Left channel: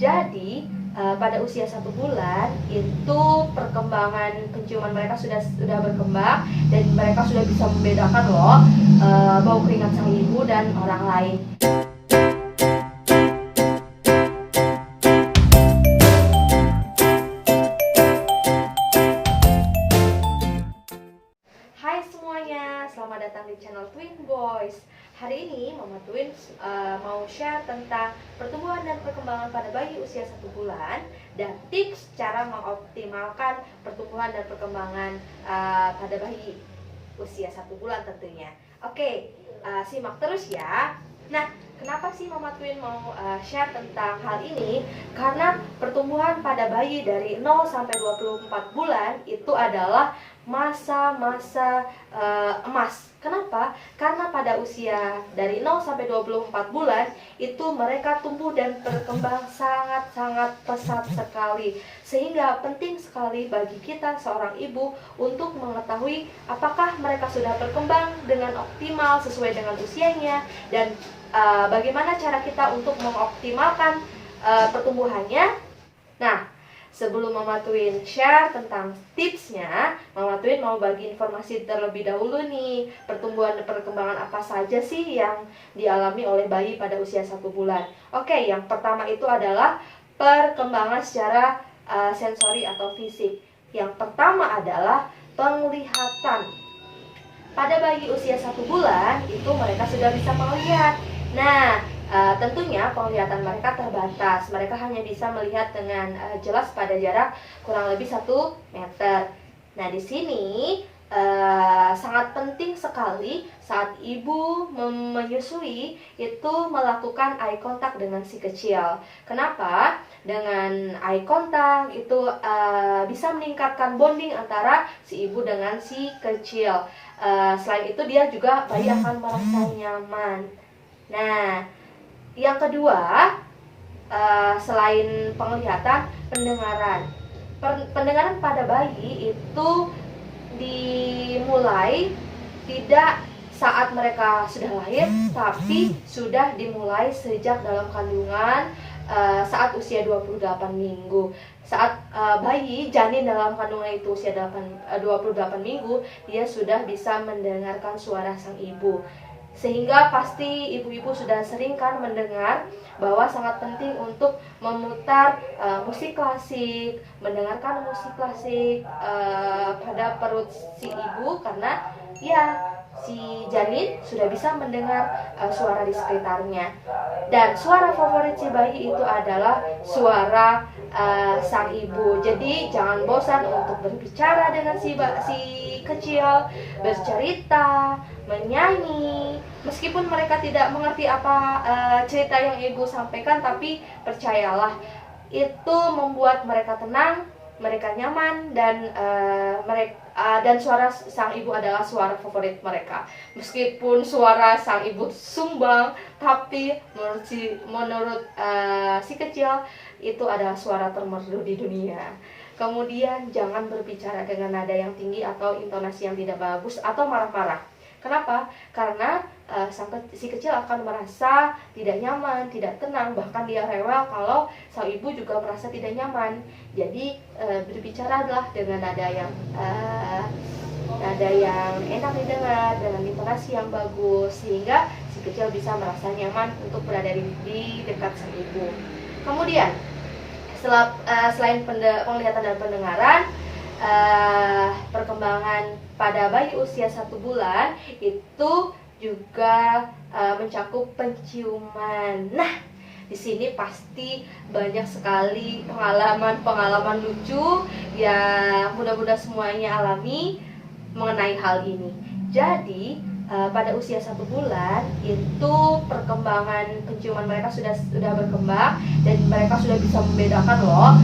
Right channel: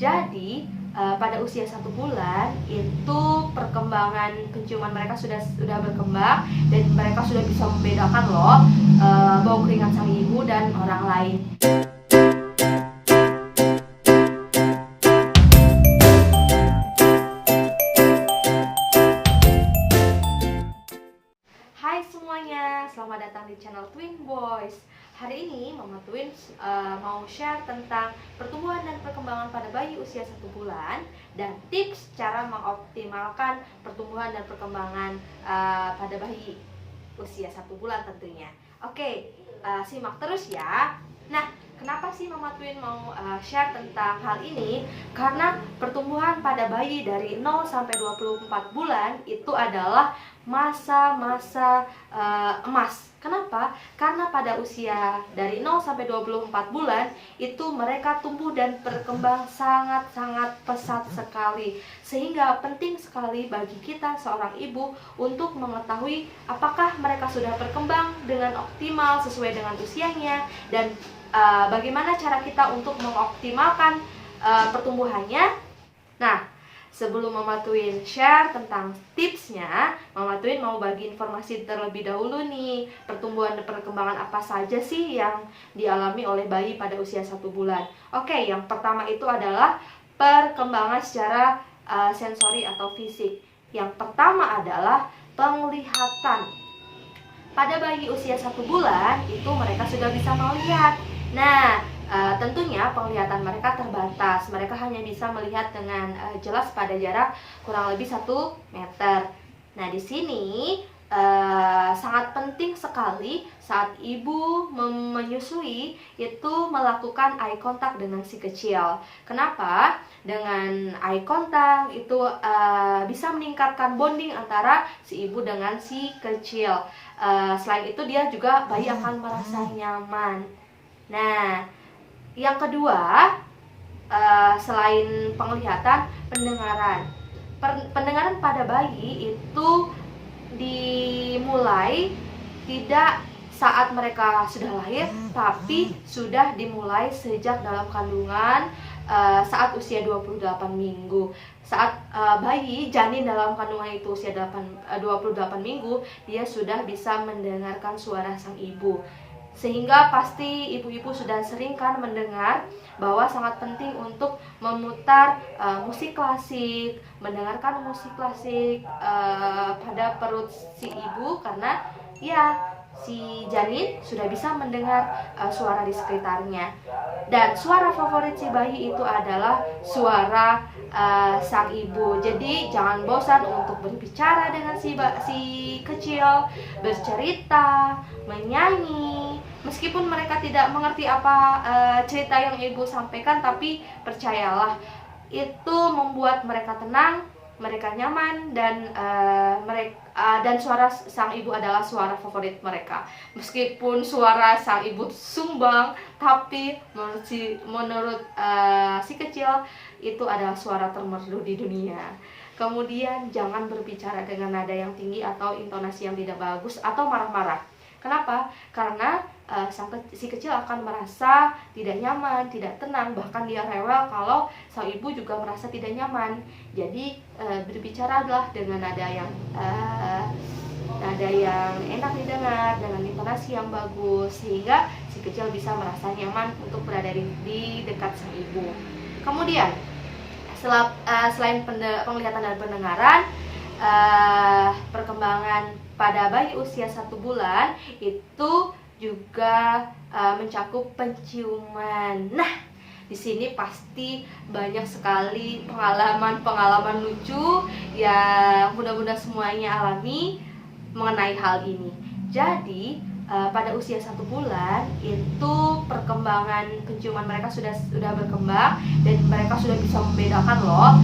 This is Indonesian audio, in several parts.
Jadi pada usia 1 bulan itu perkembangan penciuman mereka sudah berkembang dan mereka sudah bisa membedakan loh bau keringat sang ibu dan orang lain. Hai semuanya, selamat datang di channel Twin Boys. Hari ini Mama Twin mau share tentang pertumbuhan dan perkembangan pada bayi usia 1 bulan dan tips cara mengoptimalkan pertumbuhan dan perkembangan pada bayi usia 1 bulan tentunya. Oke, simak terus ya. Nah, kenapa sih Mama Twin mau share tentang hal ini? Karena pertumbuhan pada bayi dari 0 sampai 24 bulan itu adalah masa-masa emas. Kenapa? Karena pada usia dari 0 sampai 24 bulan itu mereka tumbuh dan berkembang sangat-sangat pesat sekali. Sehingga penting sekali bagi kita seorang ibu untuk mengetahui apakah mereka sudah berkembang dengan optimal sesuai dengan usianya dan bagaimana cara kita untuk mengoptimalkan pertumbuhannya. Nah, sebelum Mama Twin share tentang tipsnya, Mama Twin mau bagi informasi terlebih dahulu nih. Pertumbuhan dan perkembangan apa saja sih yang dialami oleh bayi pada usia 1 bulan? Oke, yang pertama itu adalah perkembangan secara sensori atau fisik. Yang pertama adalah penglihatan. Pada bayi usia 1 bulan itu mereka sudah bisa melihat. Nah, tentunya penglihatan mereka terbatas. Mereka hanya bisa melihat dengan jelas pada jarak kurang lebih 1 meter. Nah, di sini sangat penting sekali saat ibu menyusui itu melakukan eye contact dengan si kecil. Kenapa? Dengan eye contact itu bisa meningkatkan bonding antara si ibu dengan si kecil. Selain itu dia juga bayi akan merasa nyaman. Nah, yang kedua, selain penglihatan, pendengaran. Pendengaran pada bayi itu dimulai tidak saat mereka sudah lahir, tapi sudah dimulai sejak dalam kandungan saat usia 28 minggu. Saat bayi janin dalam kandungan itu usia 28 minggu, dia sudah bisa mendengarkan suara sang ibu. Sehingga pasti ibu-ibu sudah sering kan mendengar bahwa sangat penting untuk memutar musik klasik, mendengarkan musik klasik pada perut si ibu, karena ya si janin sudah bisa mendengar suara di sekitarnya. Dan suara favorit si bayi itu adalah suara sang ibu. Jadi jangan bosan untuk berbicara dengan si kecil, bercerita, menyanyi. Meskipun mereka tidak mengerti apa cerita yang ibu sampaikan, tapi percayalah itu membuat mereka tenang, mereka nyaman, dan dan suara sang ibu adalah suara favorit mereka. Meskipun suara sang ibu sumbang, tapi menurut si kecil itu adalah suara termerdu di dunia. Kemudian jangan berbicara dengan nada yang tinggi atau intonasi yang tidak bagus atau marah-marah. Kenapa? Karena si kecil akan merasa tidak nyaman, tidak tenang, bahkan dia rewel kalau sang ibu juga merasa tidak nyaman. Jadi berbicara adalah dengan nada yang enak didengar, dengan intonasi yang bagus, sehingga si kecil bisa merasa nyaman untuk berada di dekat sang ibu. Kemudian selain penglihatan dan pendengaran, perkembangan pada bayi usia 1 bulan itu juga mencakup penciuman. Nah, di sini pasti banyak sekali pengalaman lucu yang mudah-mudahan semuanya alami mengenai hal ini. Jadi pada usia 1 bulan itu perkembangan penciuman mereka sudah berkembang dan mereka sudah bisa membedakan loh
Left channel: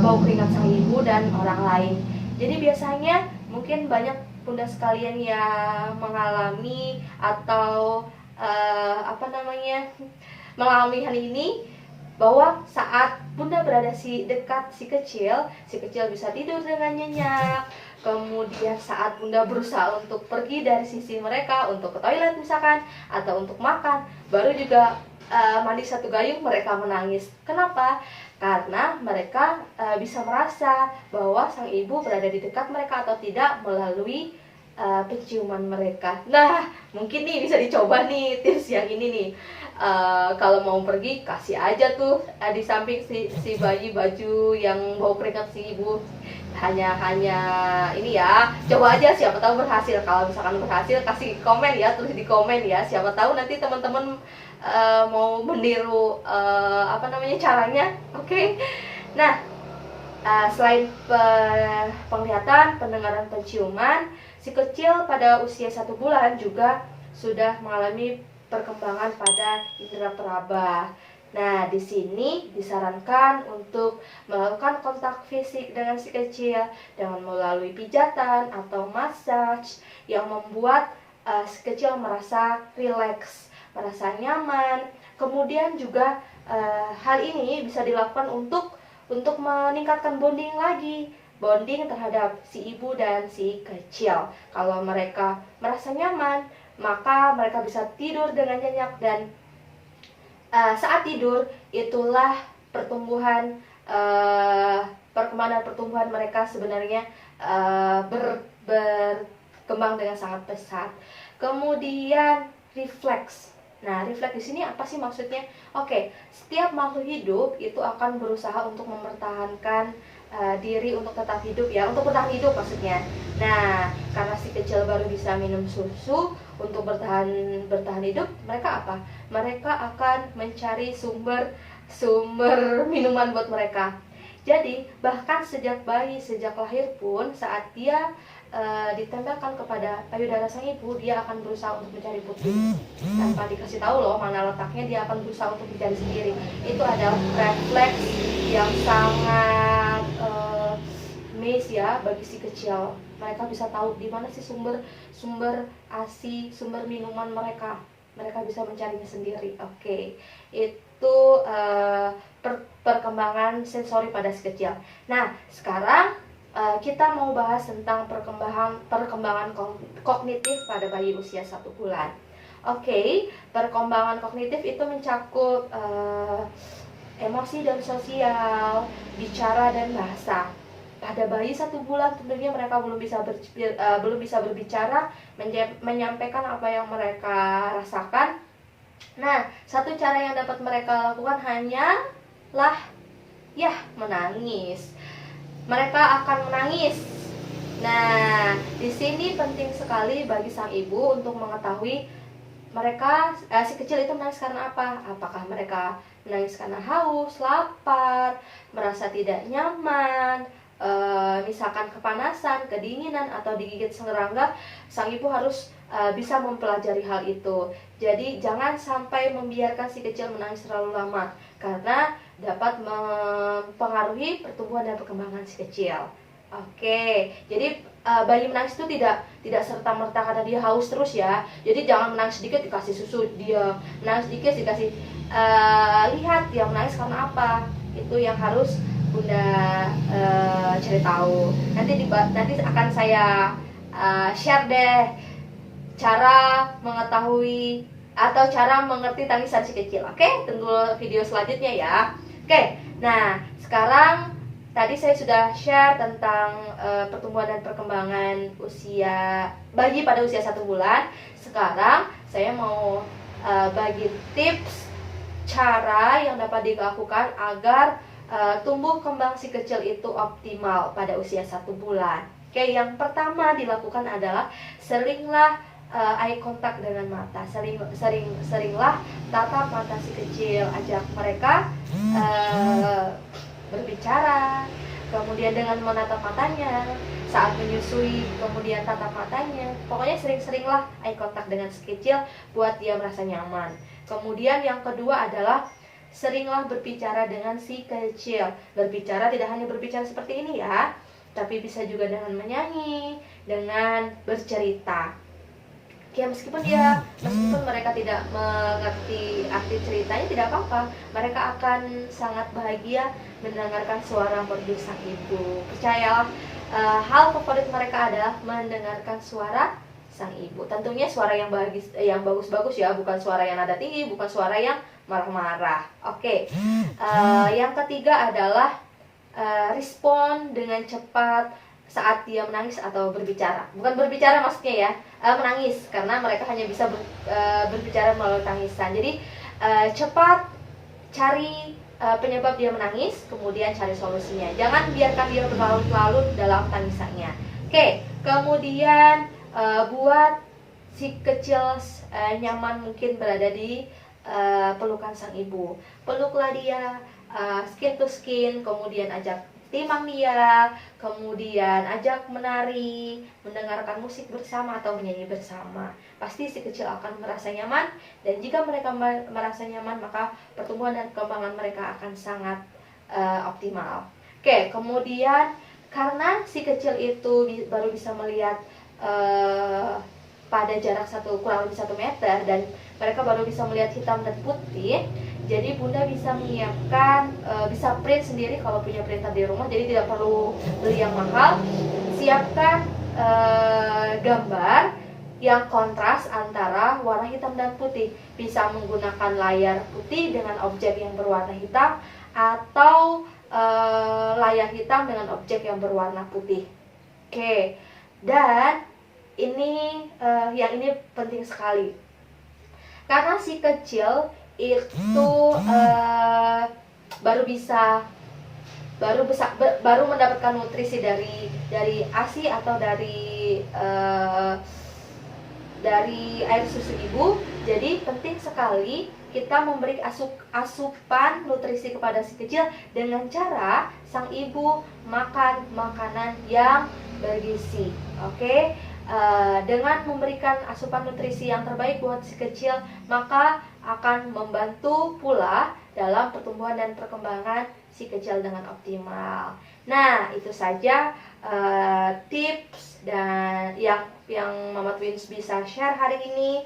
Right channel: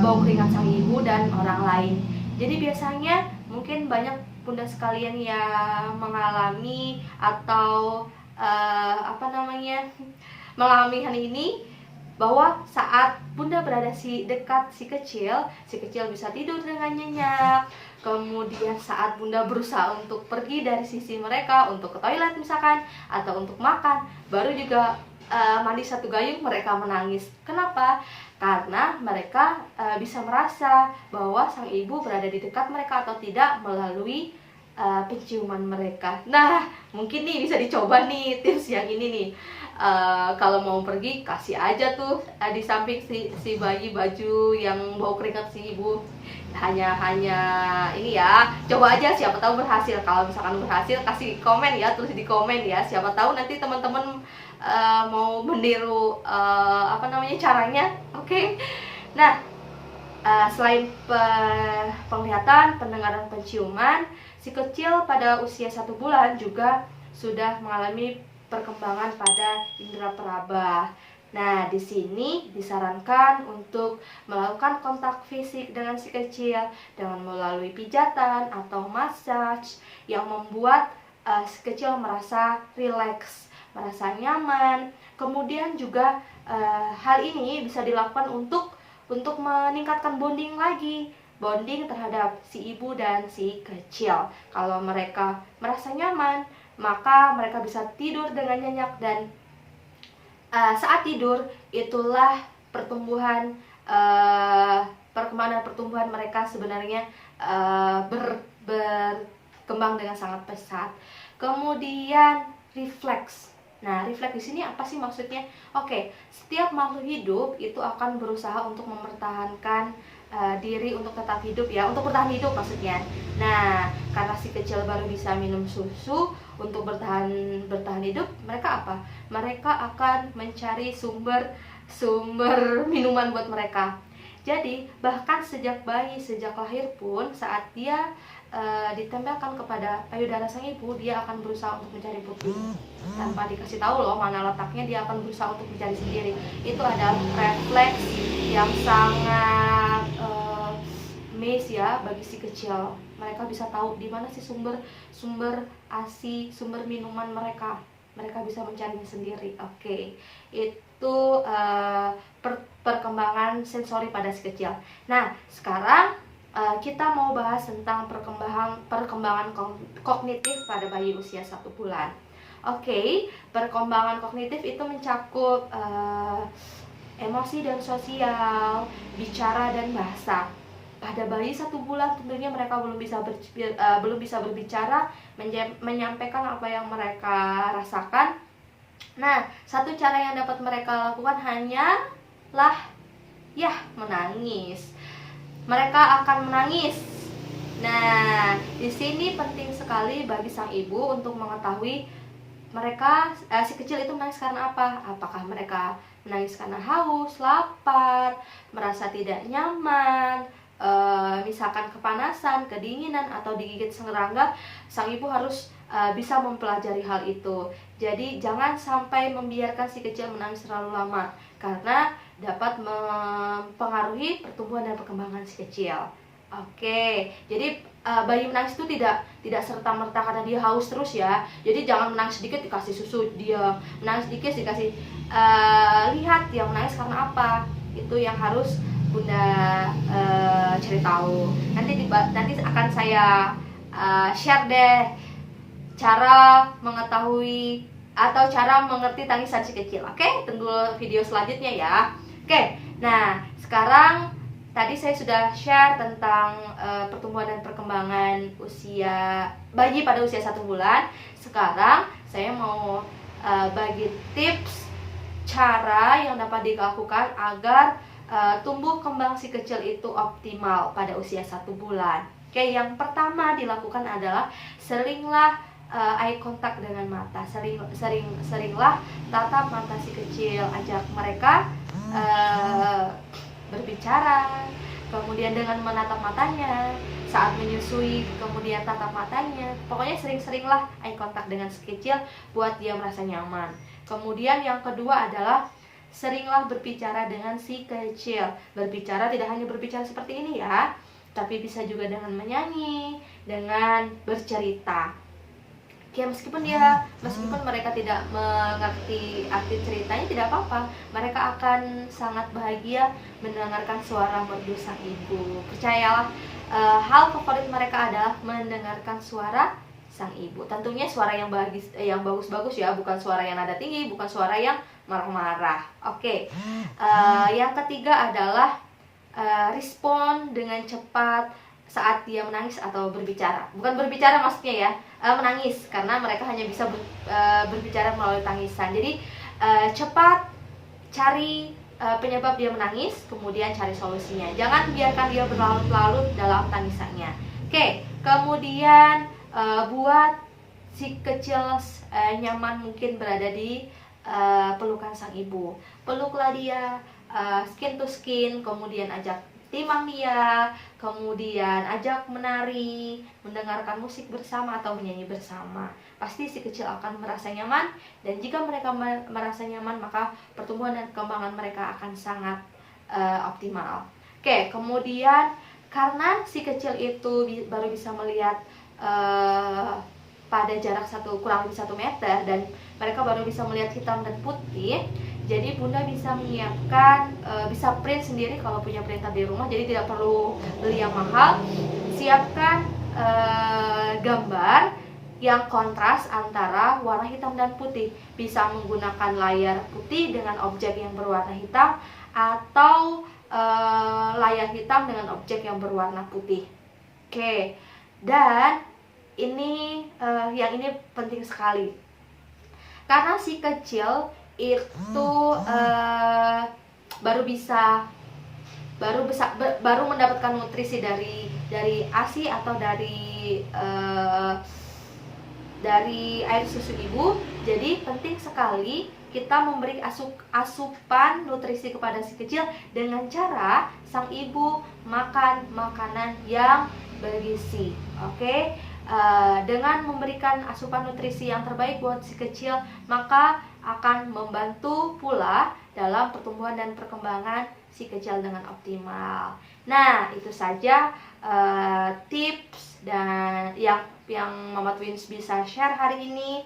bau keringat sang ibu dan orang lain. Jadi biasanya mungkin banyak bunda sekalian yang mengalami atau mengalami hal ini, bahwa saat bunda berada dekat si kecil bisa tidur dengan nyenyak. Kemudian saat bunda berusaha untuk pergi dari sisi mereka untuk ke toilet misalkan atau untuk makan, baru juga mandi satu gayung mereka menangis. Kenapa? Karena mereka bisa merasa bahwa sang ibu berada di dekat mereka atau tidak melalui penciuman mereka. Nah, mungkin nih bisa dicoba nih tips yang ini nih. Kalau mau pergi kasih aja tuh di samping si bayi baju yang bau keringat si ibu. Hanya ini ya, coba aja, siapa tahu berhasil. Kalau misalkan berhasil kasih komen ya, tulis di komen ya, siapa tahu nanti teman-teman mau meniru caranya. Oke. Nah, selain penglihatan, pendengaran, penciuman, si kecil pada usia 1 bulan juga sudah mengalami perkembangan pada indera peraba. Nah, di sini disarankan untuk melakukan kontak fisik dengan si kecil dengan melalui pijatan atau massage yang membuat si kecil merasa rileks, merasa nyaman. Kemudian juga hal ini bisa dilakukan untuk meningkatkan bonding lagi, bonding terhadap si ibu dan si kecil. Kalau mereka merasa nyaman, maka mereka bisa tidur dengan nyenyak, dan saat tidur itulah pertumbuhan perkembangan pertumbuhan mereka sebenarnya berkembang dengan sangat pesat. Kemudian refleks. Nah, refleks di sini apa sih maksudnya? Oke, setiap makhluk hidup itu akan berusaha untuk mempertahankan diri untuk tetap hidup ya, untuk bertahan hidup maksudnya. Nah, karena si kecil baru bisa minum susu untuk bertahan hidup, mereka apa? Mereka akan mencari sumber minuman buat mereka. Jadi, bahkan sejak bayi, sejak lahir pun, saat dia ditempelkan kepada payudara sang ibu, dia akan berusaha untuk mencari pupuk tanpa dikasih tahu loh mana letaknya. Dia akan berusaha untuk mencari sendiri. Itu adalah refleks yang sangat amazing ya bagi si kecil. Mereka bisa tahu di mana sih sumber ASI, sumber minuman mereka. Mereka bisa mencarinya sendiri. Oke, itu perkembangan sensori pada si kecil. Nah, sekarang kita mau bahas tentang perkembangan kognitif pada bayi usia 1 bulan. Oke, perkembangan kognitif itu mencakup emosi dan sosial, bicara dan bahasa. Pada bayi 1 bulan tentunya mereka belum bisa berbicara, menyampaikan apa yang mereka rasakan. Nah, satu cara yang dapat mereka lakukan hanyalah menangis. Mereka akan menangis. Nah, di sini penting sekali bagi sang ibu untuk mengetahui mereka si kecil itu menangis karena apa? Apakah mereka menangis karena haus, lapar, merasa tidak nyaman, misalkan kepanasan, kedinginan, atau digigit serangga. Sang ibu harus bisa mempelajari hal itu. Jadi jangan sampai membiarkan si kecil menangis terlalu lama, karena dapat mempengaruhi pertumbuhan dan perkembangan si kecil. Oke, jadi bayi menangis itu tidak serta-merta karena dia haus terus ya. Jadi jangan menangis sedikit dikasih susu, dia menangis sedikit dikasih lihat dia menangis karena apa. Itu yang harus Bunda cari tahu. Nanti akan saya share deh cara mengetahui atau cara mengerti tangisan si kecil. Oke, tunggu video selanjutnya ya. Oke, nah sekarang tadi saya sudah share tentang pertumbuhan dan perkembangan usia bayi pada usia 1 bulan. Sekarang saya mau bagi tips cara yang dapat dilakukan agar tumbuh kembang si kecil itu optimal pada usia 1 bulan. Oke, yang pertama dilakukan adalah seringlah eye contact dengan mata. Seringlah tatap mata si kecil, ajak mereka berbicara, kemudian dengan menatap matanya saat menyusui, kemudian tatap matanya. Pokoknya sering-seringlah eye contact dengan si kecil buat dia merasa nyaman. Kemudian yang kedua adalah seringlah berbicara dengan si kecil. Berbicara tidak hanya berbicara seperti ini ya, tapi bisa juga dengan menyanyi, dengan bercerita. Ya, meskipun mereka tidak mengerti arti ceritanya, tidak apa-apa. Mereka akan sangat bahagia mendengarkan suara merdu sang ibu. Percayalah, hal favorit mereka adalah mendengarkan suara sang ibu. Tentunya suara yang bagus-bagus ya, bukan suara yang nada tinggi, bukan suara yang marah-marah. Oke. Yang ketiga adalah respon dengan cepat saat dia menangis atau berbicara. Bukan berbicara maksudnya ya, menangis, karena mereka hanya bisa berbicara melalui tangisan. Jadi cepat cari penyebab dia menangis, kemudian cari solusinya. Jangan biarkan dia berlarut-larut dalam tangisannya. Oke, kemudian buat si kecil nyaman mungkin berada di pelukan sang ibu. Peluklah dia, skin to skin, kemudian ajak timang dia, kemudian ajak menari, mendengarkan musik bersama atau menyanyi bersama. Pasti si kecil akan merasa nyaman, dan jika mereka merasa nyaman, maka pertumbuhan dan perkembangan mereka akan sangat optimal. Oke, kemudian karena si kecil itu baru bisa melihat pada jarak kurang lebih 1 meter, dan mereka baru bisa melihat hitam dan putih, jadi Bunda bisa menyiapkan, bisa print sendiri kalau punya printer di rumah, jadi tidak perlu beli yang mahal. Siapkan gambar yang kontras antara warna hitam dan putih. Bisa menggunakan layar putih dengan objek yang berwarna hitam, atau layar hitam dengan objek yang berwarna putih. Oke, dan ini yang ini penting sekali, karena si kecil itu baru mendapatkan nutrisi dari ASI atau dari air susu ibu. Jadi penting sekali kita memberi asupan nutrisi kepada si kecil dengan cara sang ibu makan makanan yang bergizi. Oke. Dengan memberikan asupan nutrisi yang terbaik buat si kecil, maka akan membantu pula dalam pertumbuhan dan perkembangan si kecil dengan optimal. Nah, itu saja tips dan yang Mama Twins bisa share hari ini.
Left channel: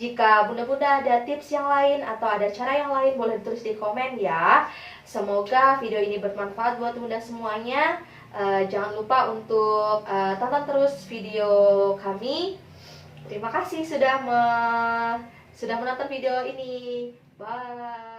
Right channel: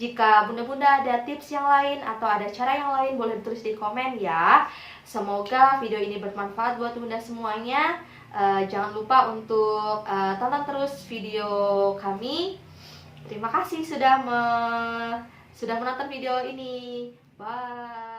Jika bunda-bunda ada tips yang lain atau ada cara yang lain, boleh tulis di komen ya. Semoga video ini bermanfaat buat bunda semuanya. Jangan lupa untuk tonton terus video kami. Terima kasih sudah menonton video ini. Bye.